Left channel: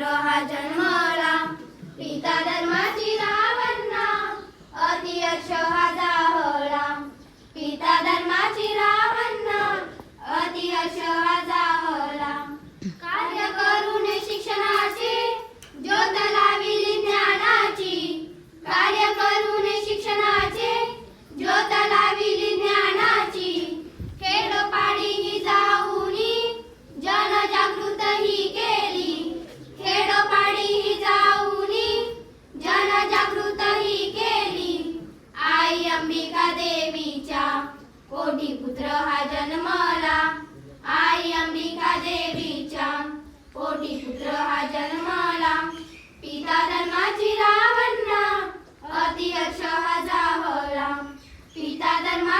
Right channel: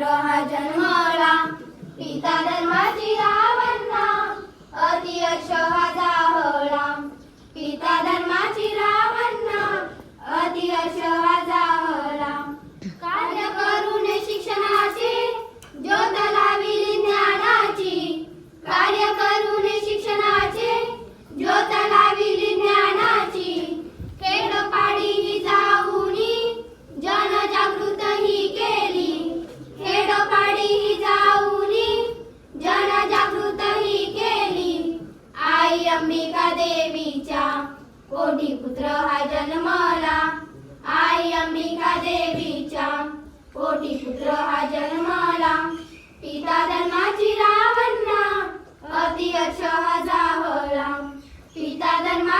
पुत्र हा जन्मला, पिता धर्माची रावणा, अति यश हा जाहला. पिता धर्माची रावणा, अति यश हा जाहला. कार्य करून शिक्षणाचे ज्योत लाविली ज्ञानाची, कार्य करून शिक्षणाचे ज्योत लाविली ज्ञानाची. खेडोपाडी ही जाऊनी जनजागृत ही केली, खेडोपाडी ही जाऊनी जनजागृत ही केली. आई अंबिका देवीच्या पोटी पुत्र हा जन्मला, आई अंबिका देवीच्या पोटी पुत्र हा जन्मला. पिता धर्माची रावणा, अति यश हा जाहला. पिता धर्मा